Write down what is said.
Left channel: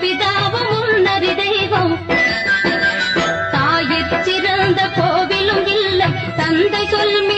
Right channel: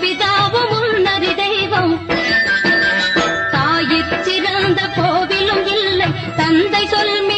பிதாவும் உன்னதி தெய்வம். தாயிற் சிறந்த கோவிலும் இல்லை. தந்தை சொல்மி